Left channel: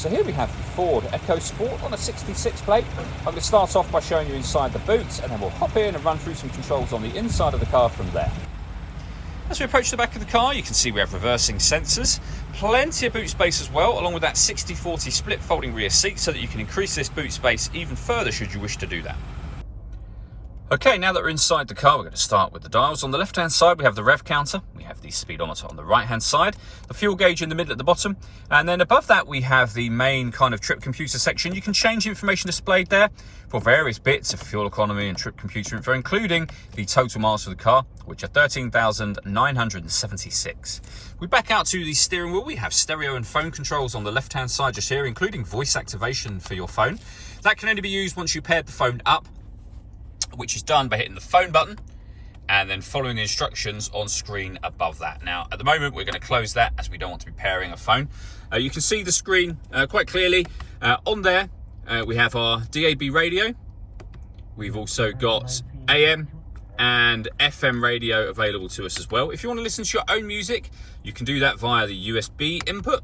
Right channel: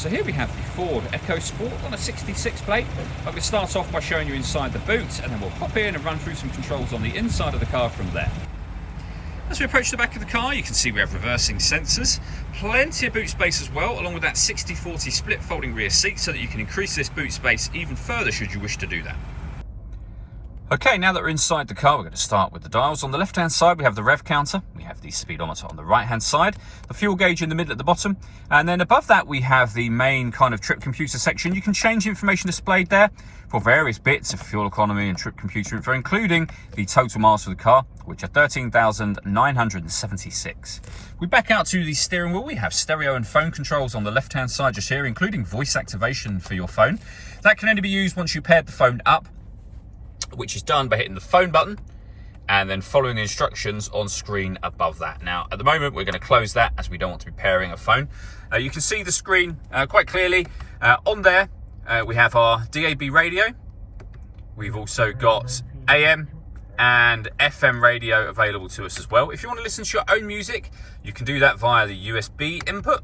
So here we have the Ford Ecosport on a 66 plate. I'm going to start off by showing you inside the boot, and then we'll hop in and run through some controls on the inside of the car from there. As we approach the back of the car, you can see we have reversing sensors, plenty of boot space as well, along with that 60/40 split folding rear seat so that you can increase this boot space even further should you wish to do that. Okay, now that we're inside the car, we're going to start with the dials. On the left-hand side, we have the rev counter. We have the speedometer on the right-hand side, the fuel gauge in the middle at the bottom, and then above that, we have the main kind of trip computer section. You can change the information displayed there for various bits of fuel economy and trip computer info, including the total miles for the car, which are 13,976. We back out to the steering wheel. We have stereo and phone controls on the left-hand side just here, including voice activation for your phone. That can only be used once you paired the phone up, which is done by hitting the phone button and then following the instructions on screen above that. Now, at the moment, we're going to close that as we don't want to be pairing a phone. You can see the screen quite clearly. On there, we have our DAB radio. We've also got AM and FM radio available to us as well. If you want to listen to your own music, you can do that via the USB input.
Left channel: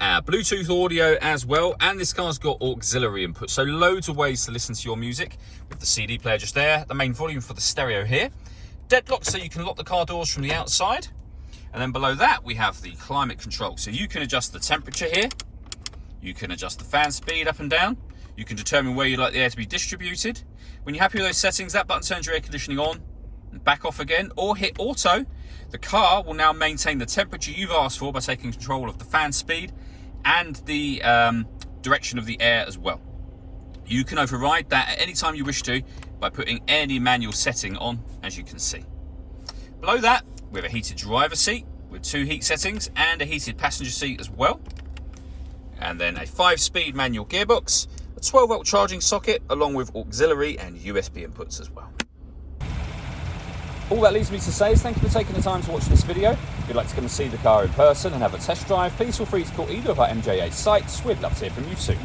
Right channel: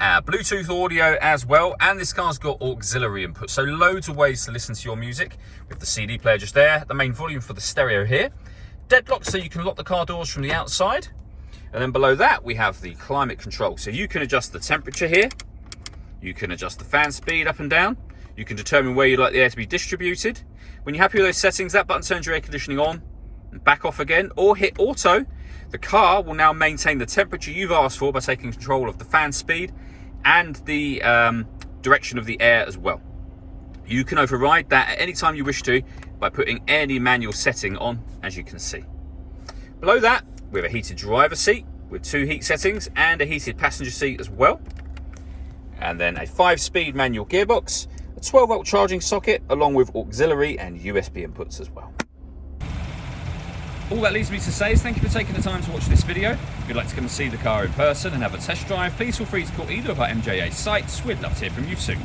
Bluetooth audio as well, and this car's got auxiliary input, so loads of ways to listen to your music with the CD player just there, the main volume for the stereo here, deadlock so you can lock the car doors from the outside, and then below that we have the climate control, so you can adjust the temperature here, you can adjust the fan speed up and down, you can determine where you'd like the air to be distributed. When you're happy with those settings, that button turns your air conditioning on and back off again, or hit auto. The car will now maintain the temperature you've asked for by taking control of the fan speed and the direction of the air as well. You can override that at any time you wish to by putting any manual setting on, as you can see. Below that, we have a heated driver seat with 2 heat settings and a heated passenger seat as well. And then a 5-speed manual gearbox, a 12-volt charging socket, along with auxiliary and USB inputs as well. All that leaves me to say is thank you for taking the time to watch this video. If you'd like to come and see the car in person and have a test drive, please feel free to call either of our MJA sites. We'd love to hear from you soon.